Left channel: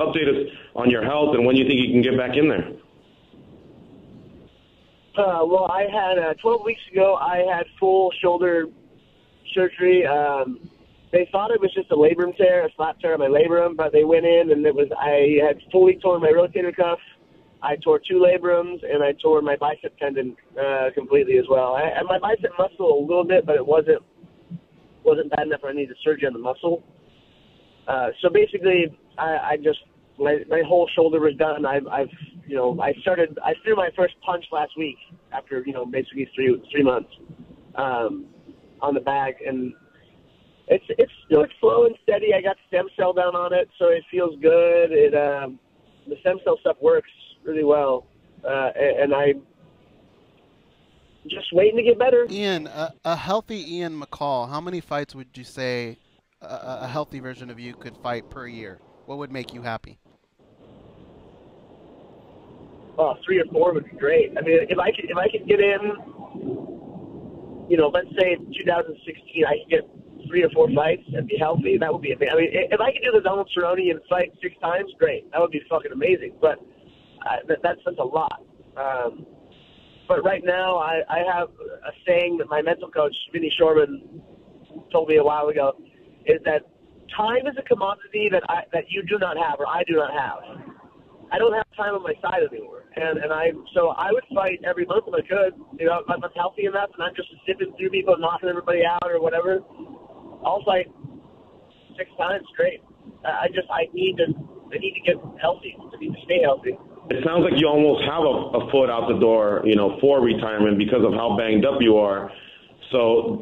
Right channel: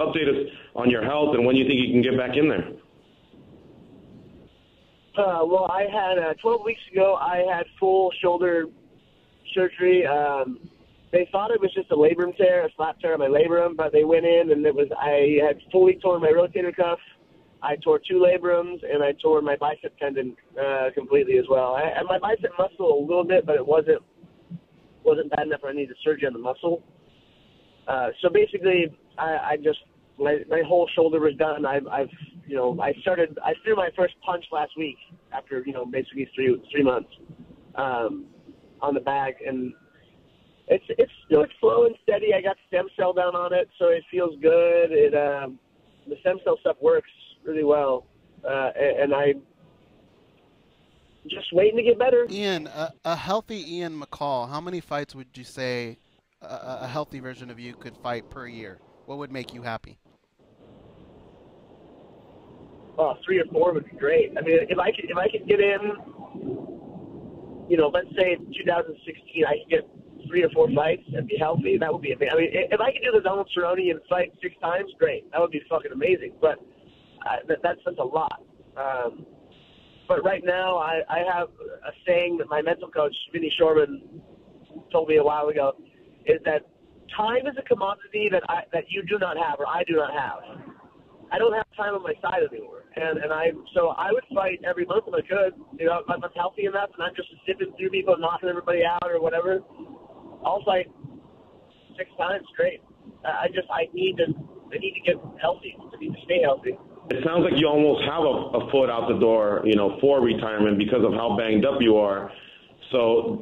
Update us on your health and when you think you can get back in there. Well, I had 12 weeks ago. I had full shoulder surgery. They thought it was just a labrum tear, a slap tear on my labrum, but they went in and I had fully torn my rotator cuff. I tore 2 labrums, and I tore my bicep tendon completely as well. And my bicep muscle a little bit, but it wasn't bad enough where I needed surgery on the muscle. So basically, I just my whole shoulder was done. I threw my first punch last week after basically three months on the bag, and it's slow and steady. I got stem cell down on it, so it feels good. The stem cell stuff works really well, and I'm just waiting to get better. Ian, a healthy Ian McCall, how many fights would you say a healthy version of you could fight per year? What would make you happy? Oh, 3 or 4 would be great. I mean, if I could get in, let's say in 2016, I could get 3 or 4 fights and be healthy. That would be amazing. I mean, if I could do the Donald Cerrone and fight 6 times, great. That would be fucking amazing. But that's a lot. But right now, I have a saying that my mental coach, Vinny Shorman, told me a while ago, is that time is a commodity that you do not have or I do not have. I don't have time on my side anymore. So I would fight every month if I could. If I'm healthy enough and I'm just zipping through people, knocking everybody out or whatever, I'll fight 6 times straight. I need to get healthy. I need to stay healthy. It sounds like you almost have a foot out the door, for retirement because of how banged up you are. So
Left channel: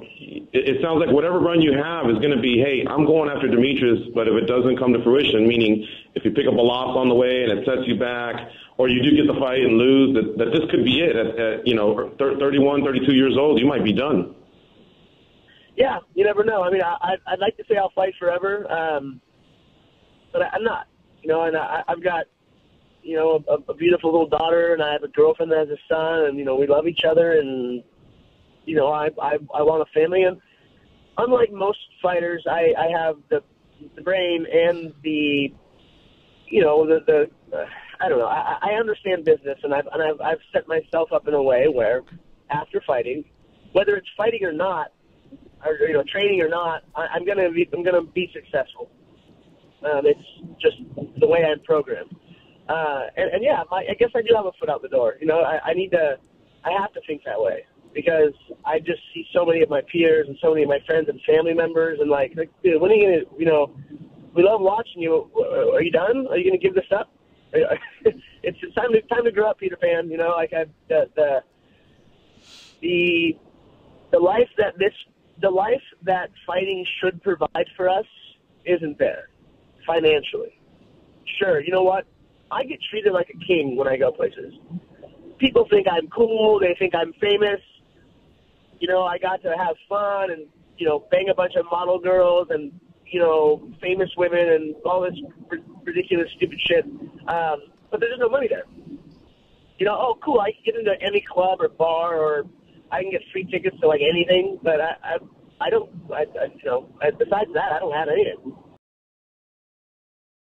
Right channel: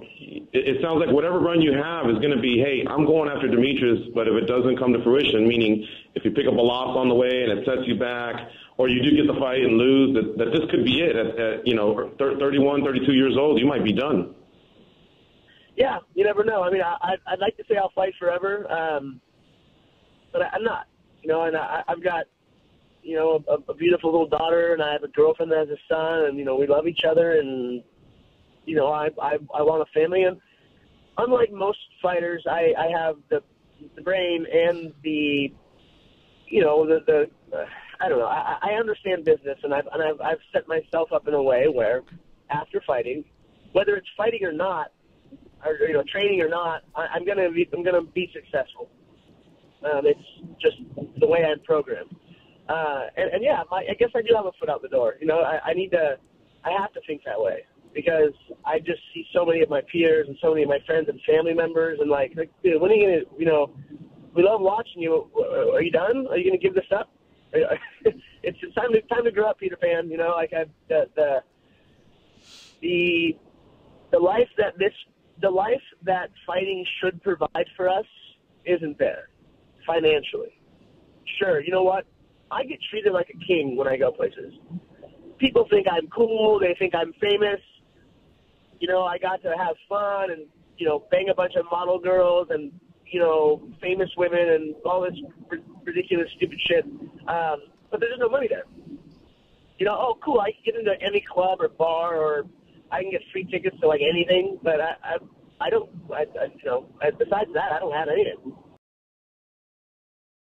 it sounds like whatever run you have is going to be, hey, I'm going after Demetrius, but if it doesn't come to fruition, meaning if you pick up a loss on the way and it sets you back, or you do get the fight and lose, that this could be it. At 31, 32 years old, you might be done. Yeah, you never know. I mean, I'd like to say I'll fight forever, but I'm not. And I've got, a beautiful little daughter, and I have a girlfriend that has a son, and, we love each other, and, I want a family. And unlike most fighters, I have the brain and the I don't know. I understand business, and I've set myself up in a way where after fighting, whether it's fighting or not, or training or not, I'm gonna be successful. It's just the way I'm programmed. And yeah, I guess I do have a foot out the door. I have to think that way because I just see so many of my peers and so many of my friends and family members, and like dude, when are you gonna, we love watching you. Are you done? Are you gonna give this up? It's time to grow up, Peter Pan. The life that fighting should provide for us isn't there financially. Sure, you know what? I get treated like a king when I go places. People think I'm cool. They think I'm famous. I got to have fun and bang a bunch of model girls and famous women and all this ridiculous, stupid shit. But there's no money there. Oh, cool, I can get into any club or bar, or I can get free tickets to, like, anything, but I don't, besides that, I don't have anything.